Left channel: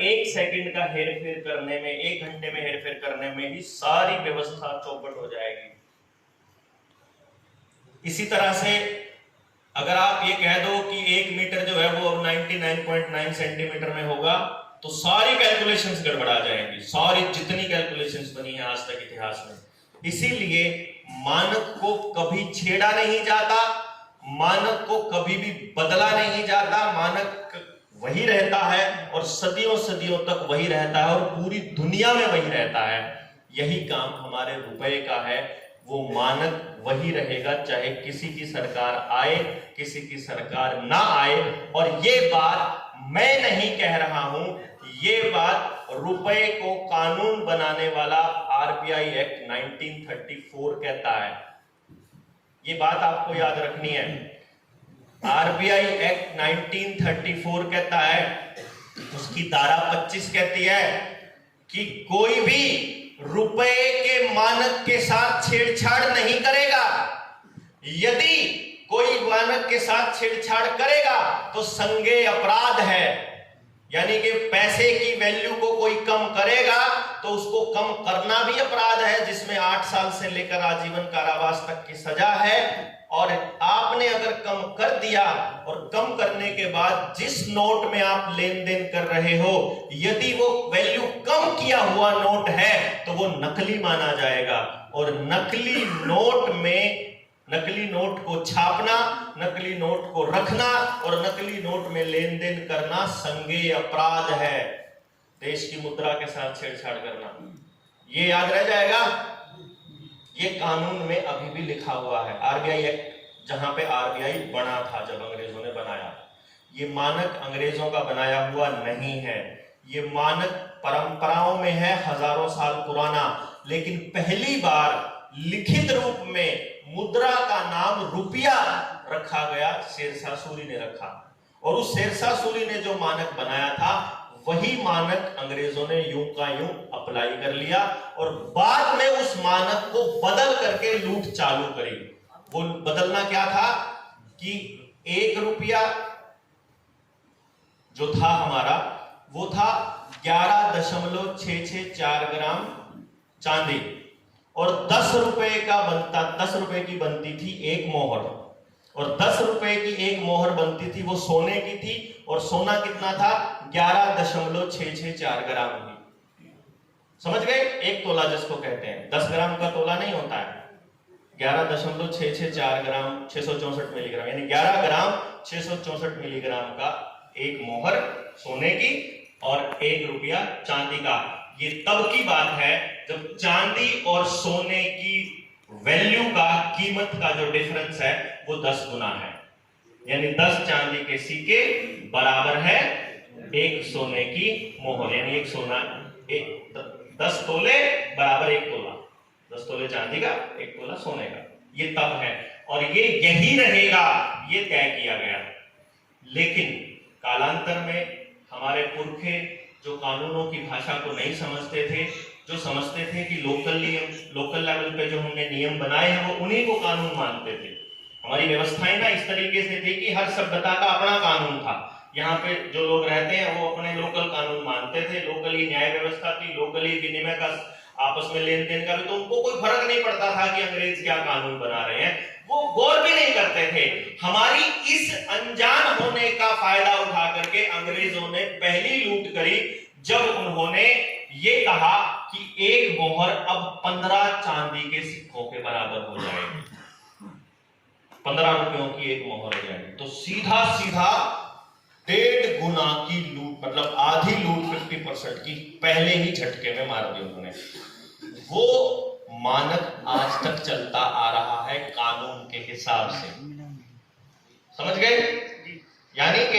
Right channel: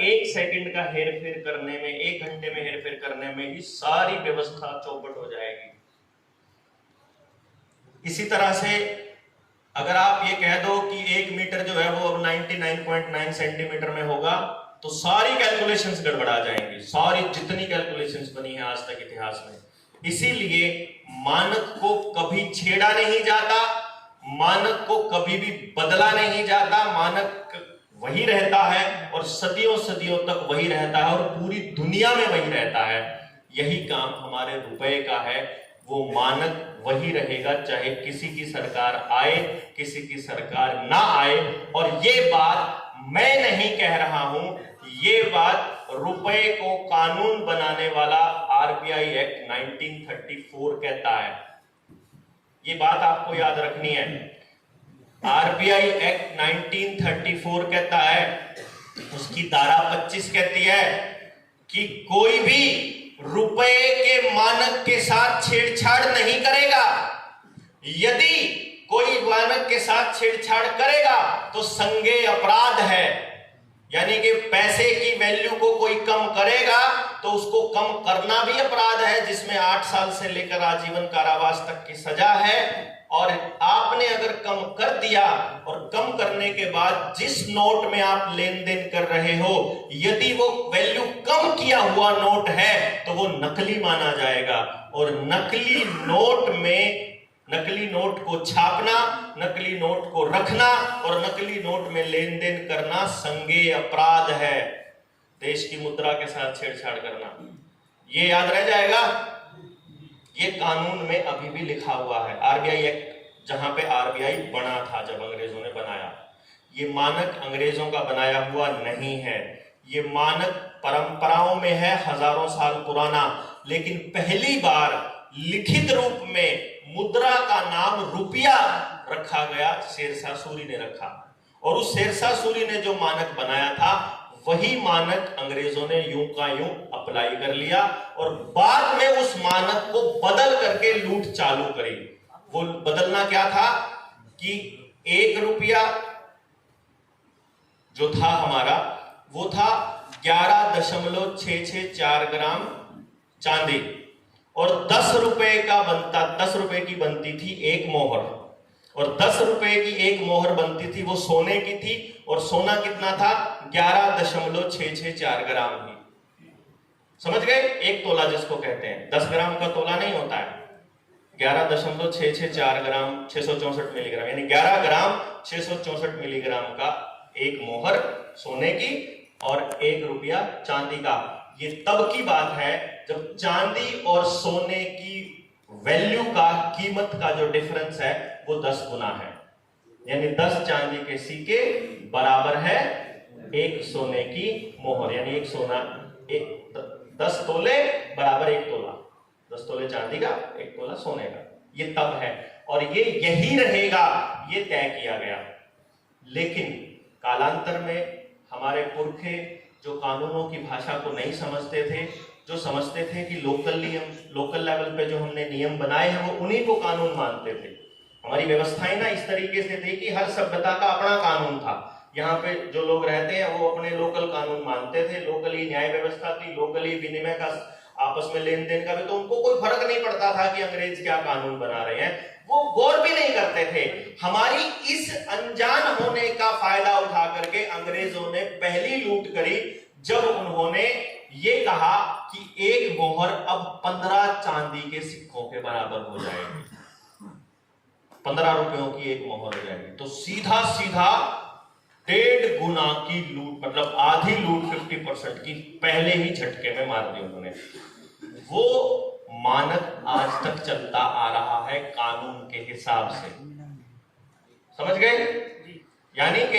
एक सेकंड का हेरफेर करने में, एक घंटे में हेरफेर करने में ही सारी व्यवस्था चौपट हो जाएगी। इसी तरह से अगर आप ये कह दो कि 1 मीटर जो है वो अब 99.9 सेंटीमीटर में होगा, तो सारी कैलकुलेशंस गड़बड़ा जाएंगी, सारी जितनी कैलकुलेशंस बनी है आज तक इतिहास में। इसीलिए मानक को कभी छेड़ा नहीं जाता, मानक को कभी भी बदला नहीं जाता, मानक वही रहता है और सदियों सदियों तक वही रहता है और पूरी दुनिया में वही रहता है। यही काम हमारे रुपए का है, वो मानक वही रहेगा चाहे किसी की सरकार आए, किसी की सरकार ना आए। और ये बात मैं नहीं कह रहा हूं, ये बात रुपए को कानून बनाने वाला आरबीआई एक्ट 1934 कहता है। ये बात आपको याद रखनी है। आरबीआई एक्ट 1934 कहता है, उसकी धारा 25 कहती है कि कोई भी रुपए के मानक के साथ छेड़छाड़ नहीं करेगा। यदि कोई मानक के साथ छेड़छाड़ करेगा तो संज्ञेय अपराध है, यानी कि पैसे की वैल्यू को कोई कम करेगा तो उसको कम करना भी अपराध है, जिसमें 8 साल से लेकर आजीवन कारावास तक की सजा है। और आपने अगर कम कर दिया और कम करने के बाद जिस नोट में आप लेन देन कर रहे हो, यदि वो वैल्यू कम किया हुआ नोट है तो वो नकली माना जाएगा। और नकली नोट को छापना, नकली नोट को रखना और नकली नोट में लेन देन करना संज्ञेय अपराध है। देश की मुद्रा के साथ छेड़छाड़ करना, ये याद रह जाएगा। ये कानून में अभी भी लिखा हुआ है। आरबीआई एक्ट, जहां पे आरबीआई बना था जब अंग्रेजों ने बनाया, ये मानक अंग्रेजों का बनाया हुआ नहीं है। ये मानक परंपराओं में है, हजारों साल पुराना। लेकिन पहली बार लिखित रूप में मुद्रा का नाम रुपया रखा गया, शेरशाह सूरी ने रखा। और उस शेरशाह सूरी ने जो मानक बनाया था, वही मानक अंग्रेजों ने यूं का यूं अप्लाई कर लिया और बाद में उस मानक को बदल करके लूट चालू करी। वो बदलना क्या था कि 1 रुपया जो था हमारा, वो था 11.664 ग्राम चांदी और 10 रुपए की बनती थी एक मोहर। और 10 रुपए की एक मोहर बनती थी, वो सोने की थी। और सोना कितना था? 11.664 ग्राम ही। समझ गए? 1 तोला जिसको कहते हैं, 10 ग्राम का तोला नहीं होता है। 11.664 ग्राम 664 मिलीग्राम, यानी 11 ग्राम 664 मिलीग्राम का एक मोहर सोने की और 1 रुपया चांदी का। ये तब की बात है जब चांदी और सोने की वैल्यू का, कीमत का जो डिफरेंस है वो 10 गुना है। यानी 10 चांदी के सिक्के बराबर है 1 सोने की मोहर, यानी 10 तोले बराबर 1 तोला। 10 तोले चांदी का, 1 तोला सोने का। ये तब है और ये यही रहेगा, ये तय किया गया। लेकिन कालांतर में हमारे पुरखे जो कानूनों की भाषा को नहीं समझते थे, जो समझते थे कि लोकल लेवल पे जो हमने नियम बनाए हैं वो उन्हीं को कानून मानते थे। हमारी व्यवस्थाएं ना इस तरीके से थी कि हर सभ्यता का अपना कानून था। यहाँ पे जो लोग रहते हैं वो अपने लोकल कानून मानते थे, लोकली न्याय व्यवस्था थी, लोकली विनिमय का, आपस में लेन देन का भी, तो उनको कोई फर्क नहीं पड़ता था कि अंग्रेज क्या कानून बना रहे हैं, वो गौर भी नहीं करते थे। हमारी इस अनजान होने का फायदा उठा करके अंग्रेजों ने पहली लूट करी जब उन्होंने ये कहा कि एक मोहर अब 15 चांदी के सिक्कों के बराबर हो जाएगी, 15 रुपयों की एक मोहर हो जाएगी। तो सीधा 1.5 गुना की लूट, मतलब आधी लूट 50% की पहले ही झटके में मार दी उन्होंने। वो मानक आज तक चलता आ रहा है कानून के हिसाब से। समझ गए? यानी कि